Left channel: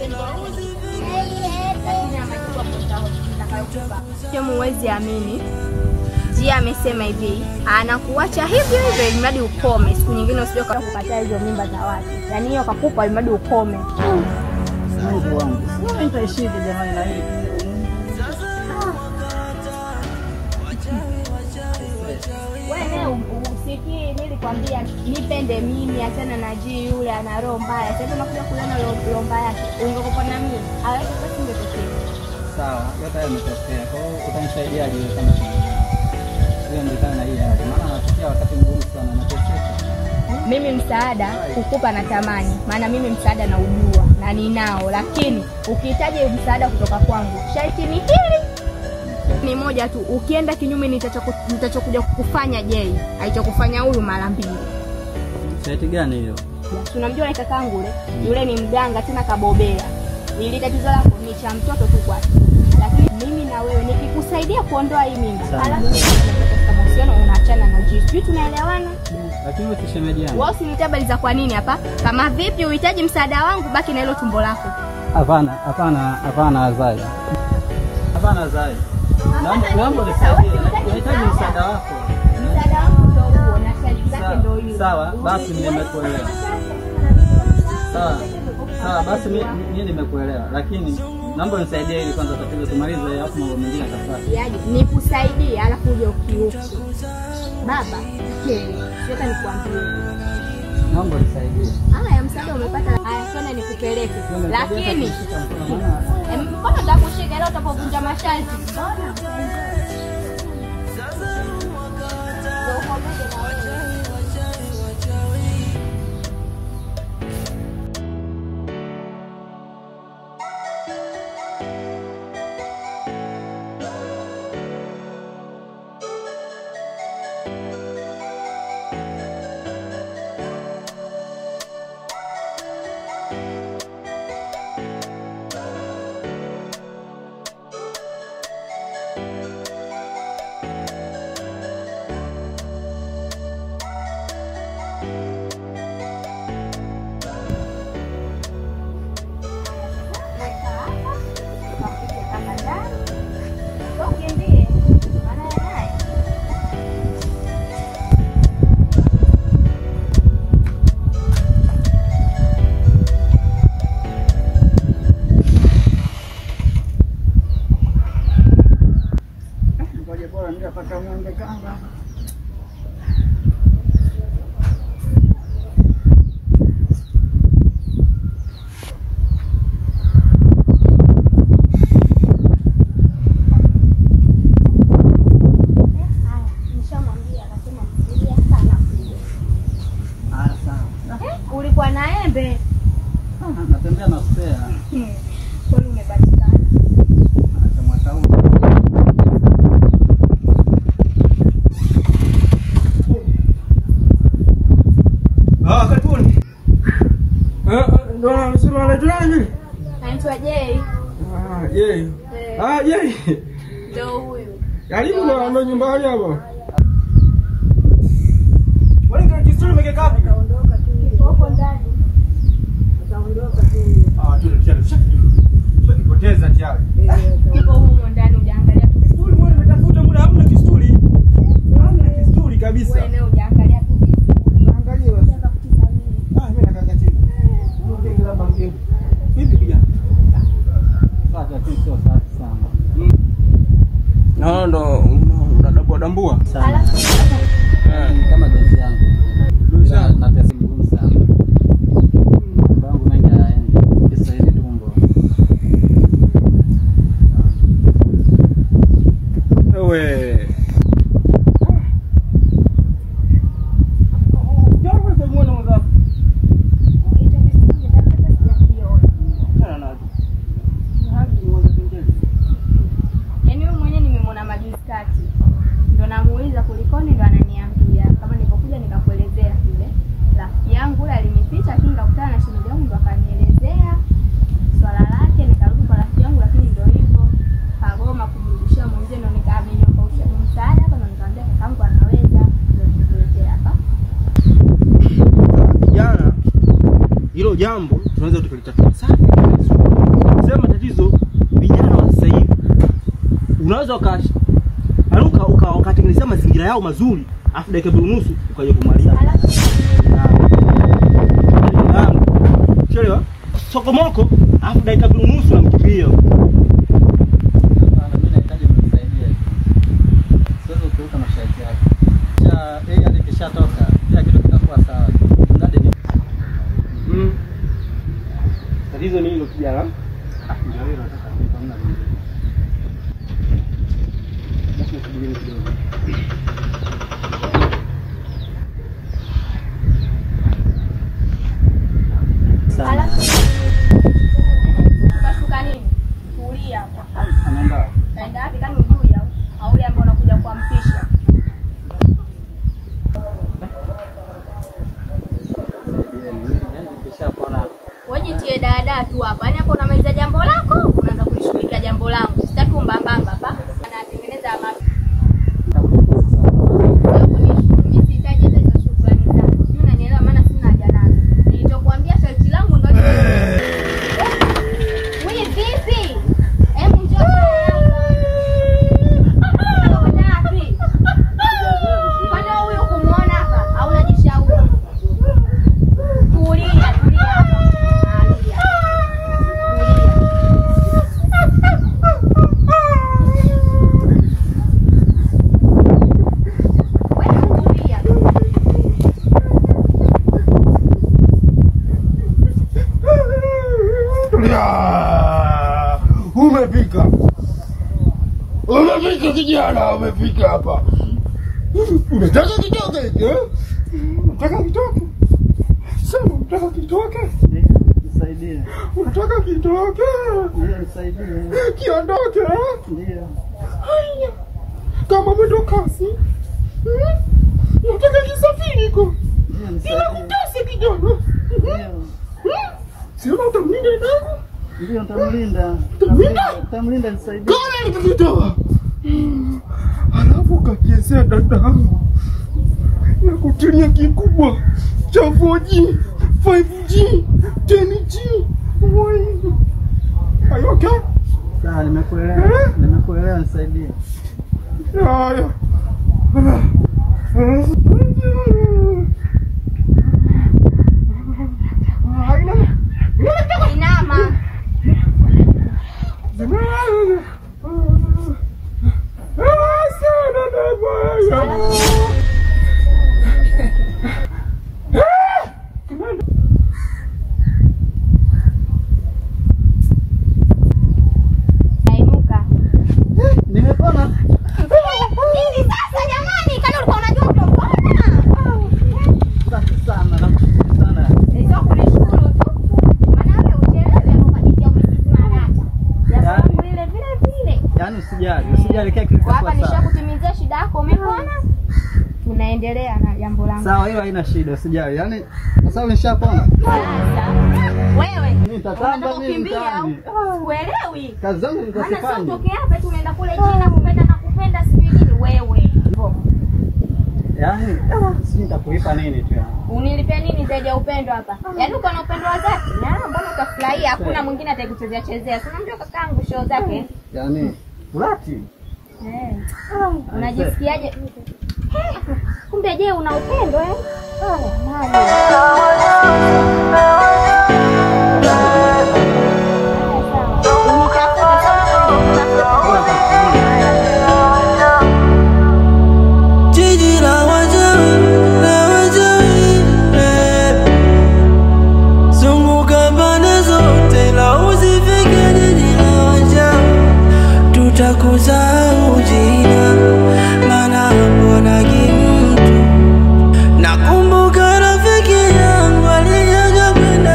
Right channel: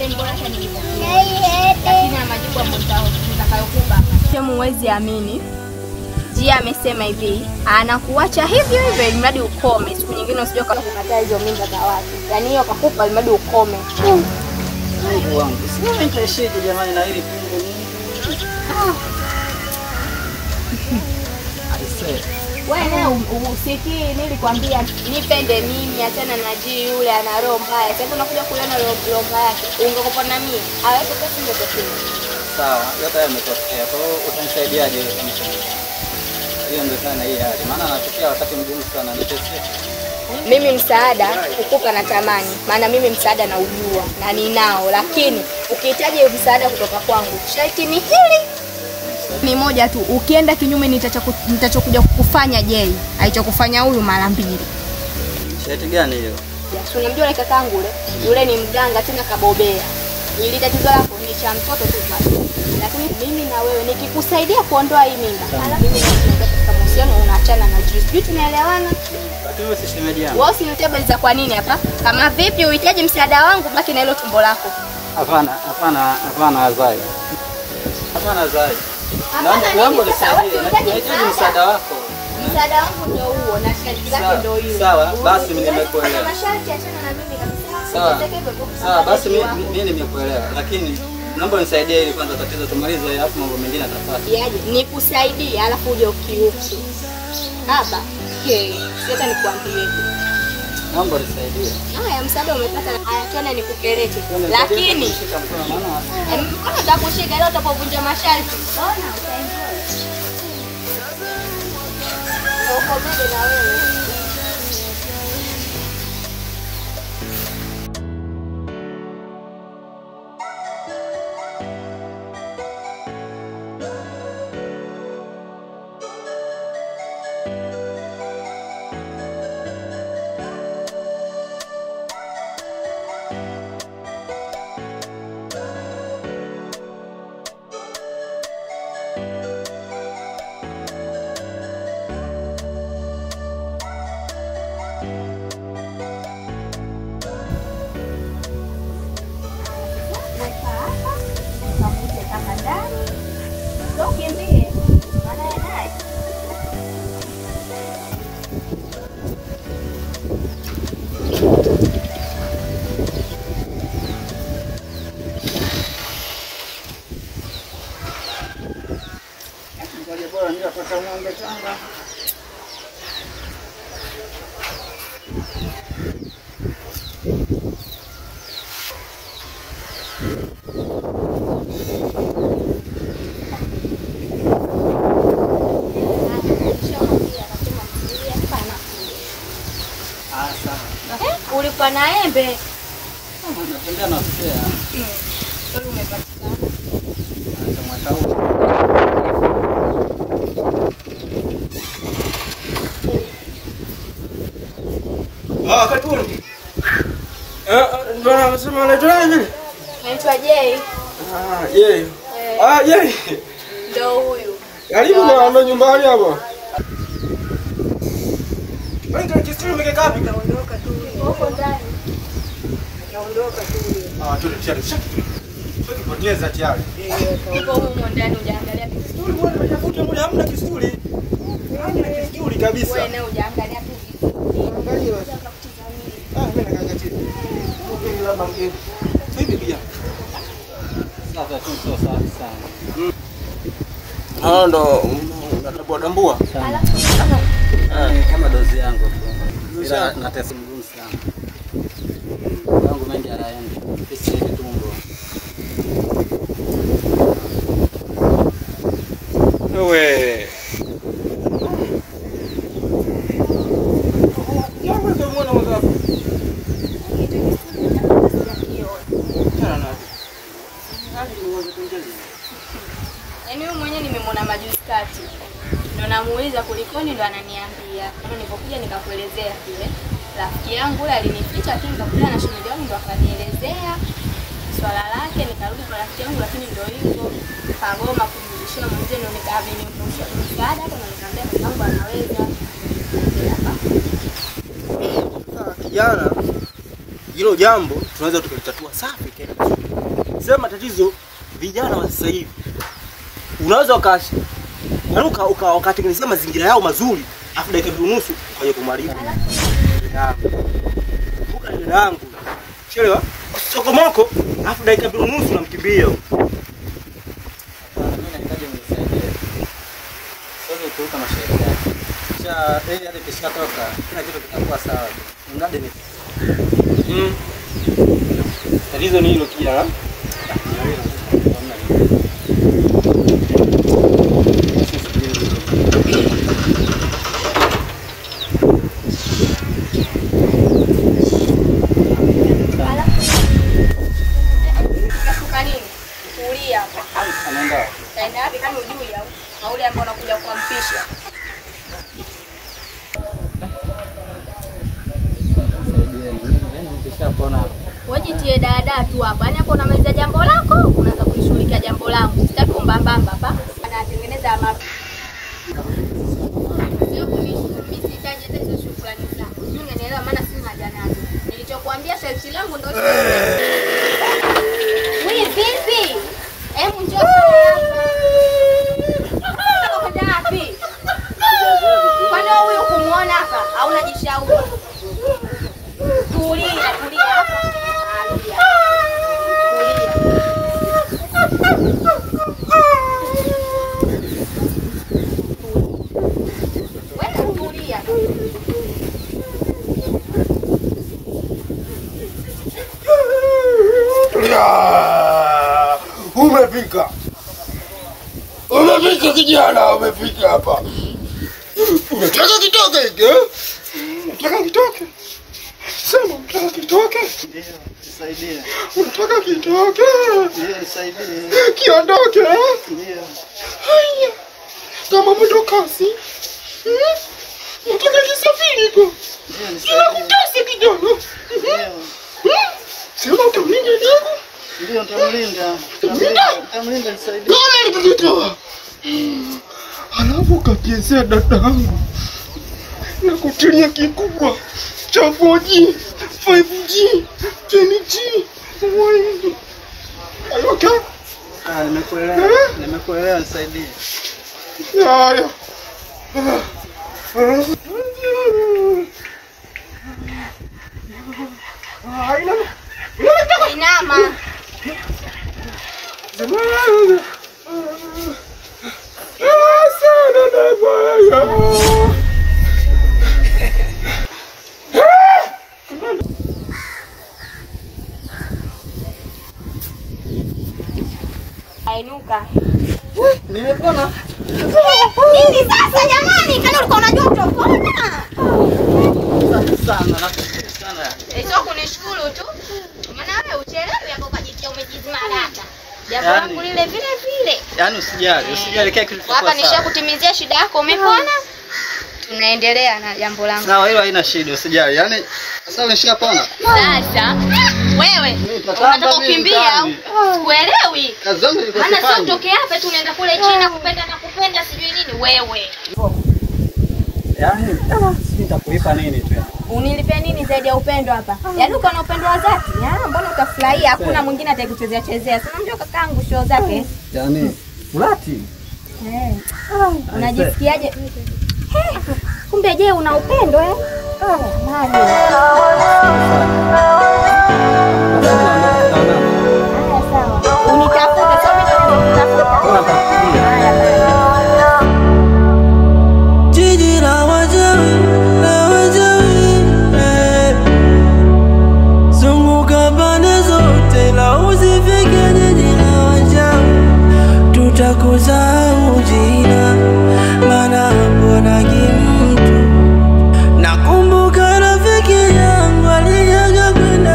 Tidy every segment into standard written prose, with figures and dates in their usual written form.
Lakini majibu ambayo nitakayokupa. Huwezi amini. Jia amesema hivi, anakuacha hivyo hivyo ili mradi ukome. Siku nyingine usije kukataa hizo mimba za watu. Yaani hiyo akakupa ili mradi ukome. Mungu wangu. Sio nitaishije jamani na hili wewe usikii nilikwambia nipende mimi achana na G yule ana roho mbaya. Sasa unakuja kuliona roho mbaya yake. Ungekupa na mimi. Hawezi pesa ndio tokea. Sawa, yote yametokea. Kwa hiyo utanisaidiaje kama chama? Hiyo ndio sana hii hali. Maana anatokea wakati mgumu sana niteseke. Mimi msaada kukupa na tamani. Maana mimi msaada na ujua na ninao, lakini ukihitaji msaada kutoka kwangu, sharti ni hili. Ni moja tu, ukienda kinyume nitachokuja kukufanya Jay. Alichokufanya huyu mara 2. Sharti gani hiyo? Ya, unamjua yule kakaangu yule? Yule ni mganga tena kabobea. Ili tatizo lako ni cha mtoto tu kwake. Lakini mimi na wewe nikikusaidia kuondoa hii mimba, alafu katika mahusiano unaachana na Jay. Sijui tunaelewana? Lakini wewe si shemeji yangu. Wewe usinitie habari za kwa nini hapa? Kama vipi uhitaji msaada wangu, baki na hilo tumbo lako. Hapana wazai. Hapana wazai. Naomba nahitaji msaada wako. Msaada wangu ndio huo na sharti zake ndio hiyo. Sawa, basi mimi nimekuelewa. Sawa, basi mimi nimekuelewa. Lakini naomba unisaidie ili kwanza tatizo tumalize alafu mambo mengine yatafuata. Yaje, nikusaidie alafu uje ukiuki. Baba, sasa nikwambie. Naomba unisaidie. Haya, msaada umepata. Haya, twende nikupeleke. Lakini mkono utakushika leo utapovunja masharti. Ona, utaenjoy. Ukombe na wewe. Ulikuwa na embe? Natembea na spare. Wewe umepatikana. Kama taulo. Karibuni. Ndio anasema anaitwa nani? Anaitwa Jay. Jay. Jay. Ndio huyu. Karibu bwana nyumbani hapa. Wewe ndio kisturi umekeka wapi? Naondoka tu. Huko ndani. Naondoka tu. Tayari shaki. Tukipoteza tayari. Uko huko ndani hujaangalia kisturi, wewe umetafuta muda hamna kisturi. Hamna kisturi kabisa. Wewe nawe hujaangalia tu kisturi. Angalia basi. Mimi nakaangalia chini. Mgeni labda mgeni. Hivi pia. Sasa tu sio safi sana. Ndo unadambua sana. Kama dozi yangu tu. Ila natesa mgumu sana. Yangu mengi hayaendi. Kisa hivi tumbo. Wewe. Jambo ndio muone mwanzo. Yaani wewe mwenyewe nimemwona majuzi kati. Ndio namuuliza kulikoni, ndo ananiambia. Kama nilipokuja nikakuelezea vile. Rafiki yangu yule alinificha, lakini nikakutana na shemeji yangu ndo akanielezea swala lake, nikarudi kwa rafiki yangu, lakini ndio hivyo. Kagoma kumrudishia mwenzie, ndio nikaamini kumsha msaada hapo, na nikamwambia kakangu anaweza. Hapa. Kijana, hilo jambo tunaweza tukalitatua safi. sema tatizo vijana wa sasa hivi. Unaweza ukatengenezea mazingira yao mazuri, afu dakika 2:30 ukaje kumaliza. Damu. Chelewa. Sokomoko, afu dakika 2:30 unamkimbia. Mimi nahitaji mnisaidie. Sasa ukiuka masharti yake. Hadi kishatoka, kila kitu kitakuwa sawa. Mradi ni tatizo ni hilo kijana. Kaenda wapi kani ujui au ule ambao unakuja kuampisha? Wewe jitie dada tu hapa. Yaani hapo unamaliza jambo lako, unaanza kulishughulikia jambo langu. Sitaki kumbambamba hapa. Anatengeneza mapi. Mimi sihitaji hizo shukrani zako. Mimi unanielewa maana sina haja nazo. Nilichokuambia sharti langu ndio hicho. Wewe vipi? Hebu njoo hapa. Kwani huyu kumuona hapa au unajishauri? Tulia hapa. Tulia. Umefika. Umefika kijana, umefika hapa. Unataka kitoke hiki? Unataka kitoke? Sema unataka kitoke? Ndio, nisaidie. Unataka kitoke? Ndio, nisaidie. Kiondoke? Ndio. Haya. Kama mwendo kasi. Unataka kisafiri hiko? Ndio, nisaidie. Inakutesa kijana. Ndio. Sema utamlinda ndugu? Ndio, nitamlinda. Nitamlinda, nisaidie. Kala nikitoa. Alafu kakiezea dadangu na kutilia kikubwa cha 4G, 5G, 10G. Are you okay? Ah, nimekuelewa. Nimekuelewa, nisaidie. Haya. Inama. Ainuka. Nimepona. Nini sasa jamani? Kani ulikuwa unajua utapona? Sana. Sio kunishukuru tu. Maana wewe uchelewe hapo kajitia umejizima data. Jambo langu lile vile. Yaani usijali kile kilichokuwa hapa sawa. nishakutimizia shida yako, umepona? Tunaendelea na jambo langu. Sawa, hilo haina shida, usijali. Yaani sasa nishapona. Sasa wewe unataka kukimbia au uelewi? Kazi zangu nilikuwa sifanye. Maana sio tokea hapa tunaenda kule China kupenda sijui nini wewe. Yaani sisi nitakulipa nini tu yani? Unilipia nini zaidi ya upendo hapa? Yaani uko na upendo wa dhati. Mbona utafurahia? Hakuna mwingine atakuchezea chezea. Sasa unamjua kakaangu show zake. Yaani fulati. Unajisikiaje? Kumbe je, una upendo Mali. Sawa. Unitafuta Jiji la wajawi, zunguka pande zote la usifike jiji la wajawi, tutakusahau jina, maana mbona kimtu. Nakumbuka rafiki yangu aliaga kwenda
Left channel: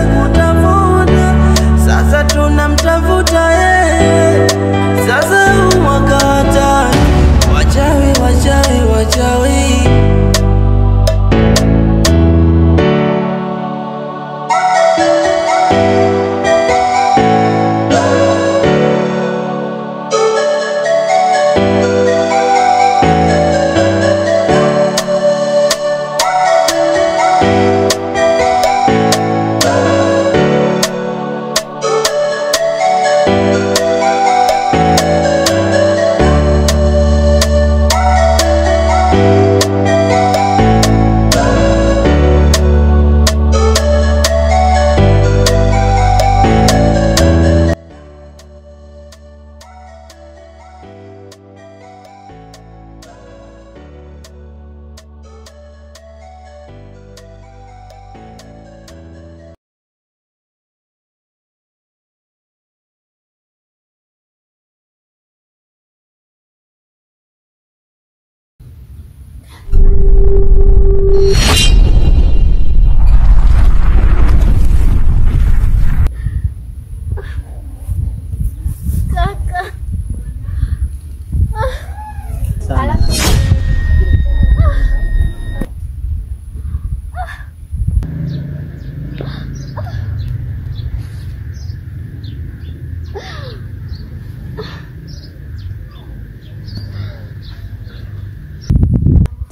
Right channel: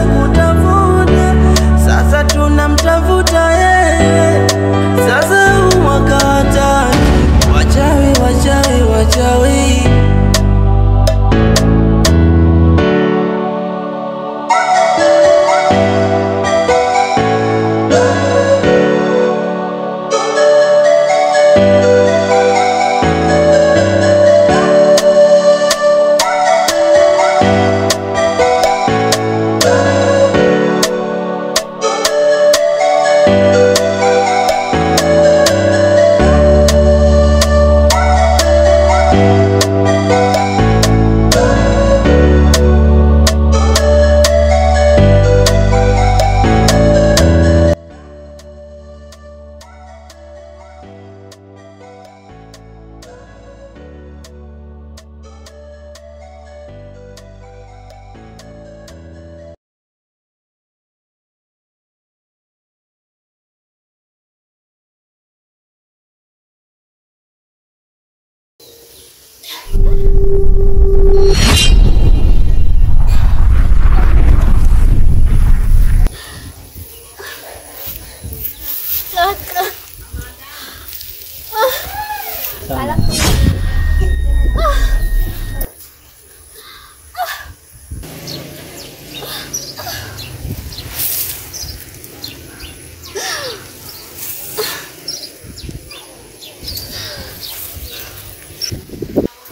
Sana.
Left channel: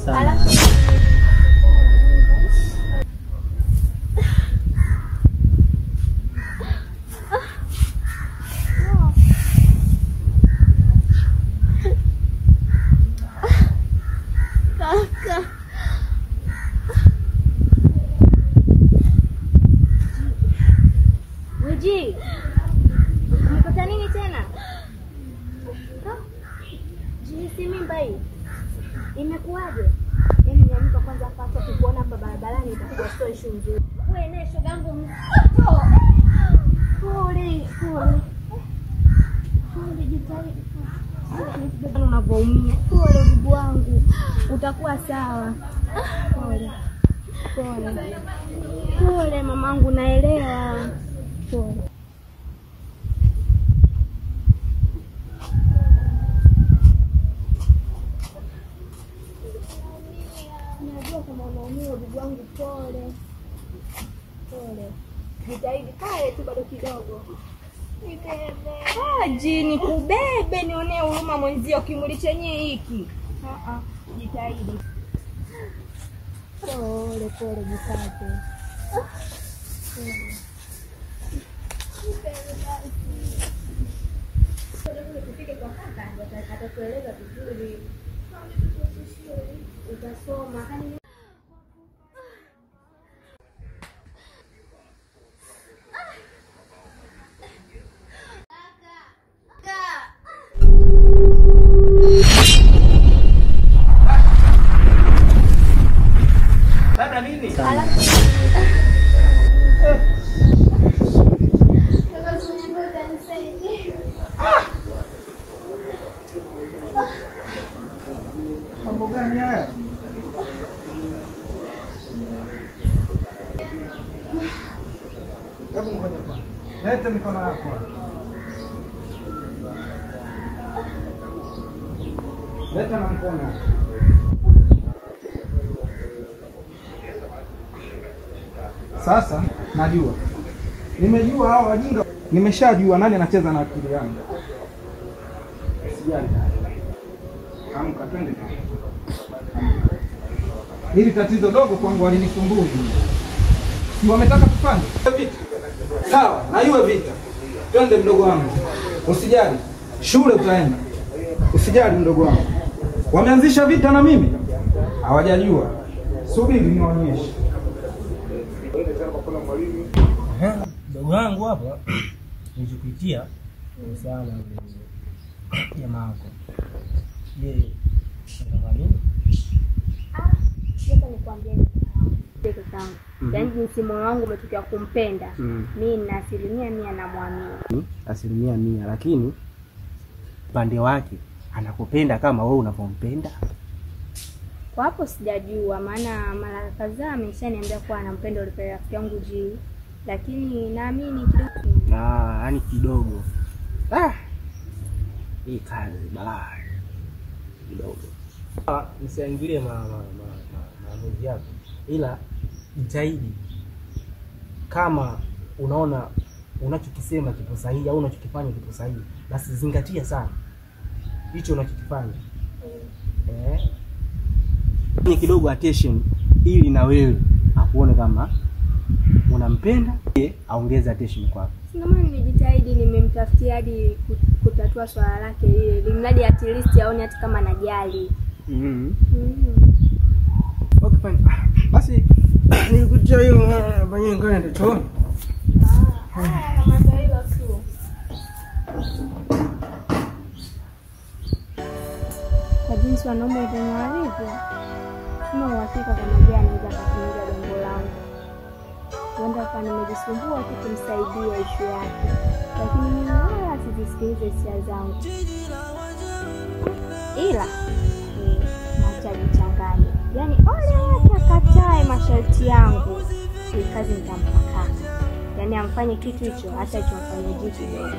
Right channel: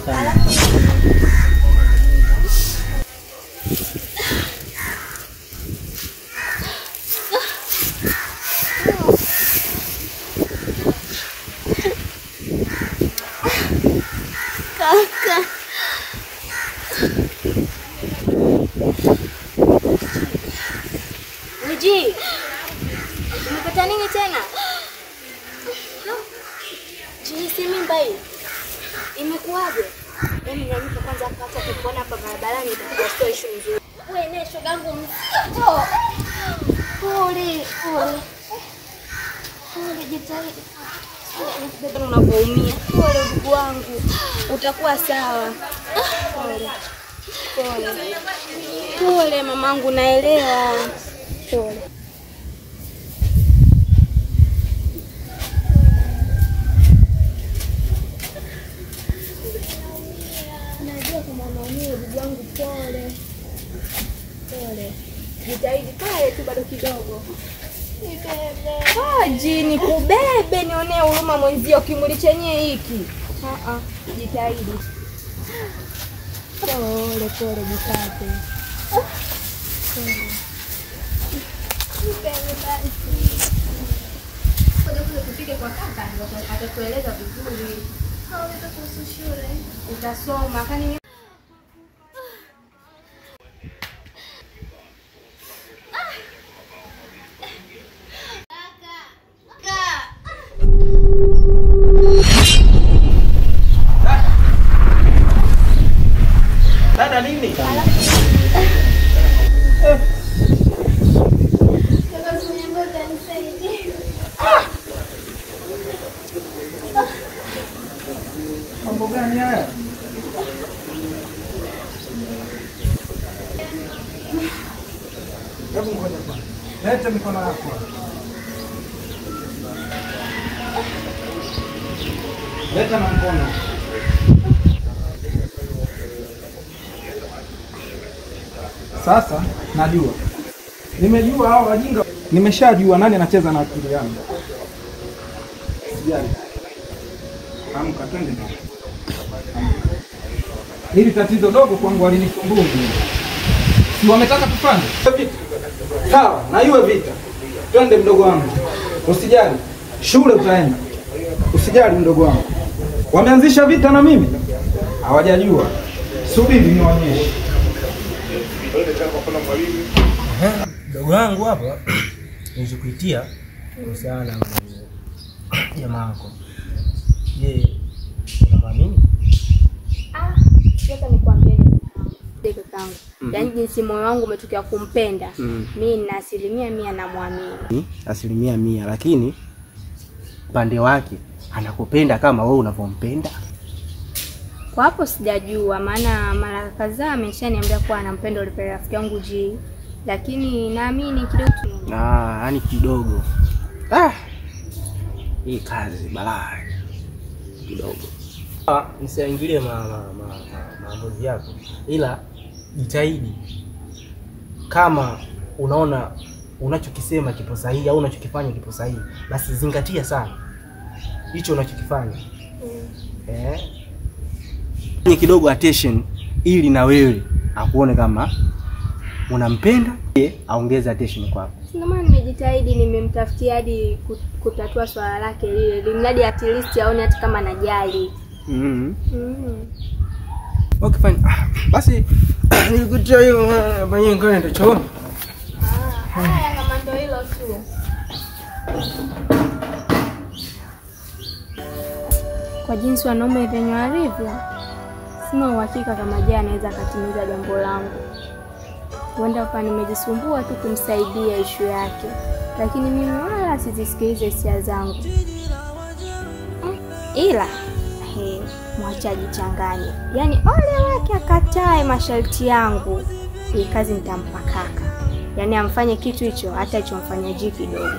Sana. Kaka. Wiji, umepata nini tena? Jinsi mimba hii imekuwaje? Yaani nyanyuka kwanza hapa, hata kukuona hapa barabarani itakuwa sio issue nzuri. Wewe ne shogangu mzito. Pole, pole. Pole, jitahidi. Bado unapoumia. Pole ndugu wangu. Utakuwa sawa. Pole. Pole. Pole mamangu, naelewa. Pole. Najua kama unaumia ndugu yangu, pole. Pole. Jitahidi pale tu bado kidogo. Haji nikubebe nionee huruma mwenzio, kimuli chenye hiki. Jitahidi. Pole pole, jipate. Ngoja tupike kwa kaka ndio atatueleza vizuri. Utasoma kani Dada nini? Mambo gani haya? Hebu ngoja kwanza. Leta mikono yako. Leta na mkono. Sasa najua. Nimejua hao wajinga. Nimeshajua nani anacheza na akili yangu. Sijali. Amka twende na. Hili tatizo dogo kwangu alinisumbua. Si wametaka tufanye vita. Sawa, na iwe vita. Twende mdogo wangu. Usijali. Shule utaenda. Usijali mdogo wangu. Wameanzisha vita na mimi? Hawajajua. Subiri nionyeshe. Dogo wangu hapa nilikuitia kuhusiana na jamaa wako. Je, unamwamini? Sasa nikwambie kakaangu. Yaani jinsi moyo wangu umetokea kumpenda. Mimi na 100% namwamini. 100%, lakini pande wake anakupenda kama wewe unavyompenda? Kwa hapo sijajua, maana mara kadhaa ameshaniambia kuwa anampenda yule rafiki yangu G, lakini naamini kidogo tu. Yaani kidogo. Hii kazi balaa kidogo. Nisiingilie maamuzi yako, ila jitahidi kama unaona unachokisema kipo sahihi au unachokifanya kipo sahihi, basi zingatia sana hicho unachokifanya. Ni kidogo attention ili na wewe akuone kama unampenda, aongeze attention kwako. Ndio maana nimejitahidi, nimemtafutia hadi kutatua swala lake lile. Limradi at least aone hata kama najali. Okay fine. Basi nilikutia hiyo banye ngone ndio chooni. Haya kama ndio hilo tu. Kwa jinsi wanaume wenye walivyo, sina uhakika kama je anaweza akatimiza jambo langu. Huenda hapa nimejisumbua tu kumsaidia issue yake, lakini mimi wala sizisikilize hisia zangu. Ila acha ajichanganye. Yaani ole wake akatae masharti yangu. Hii kazi nitampa kaka. Yaani amfanye kitu hicho hata ichomfanya G kidogo.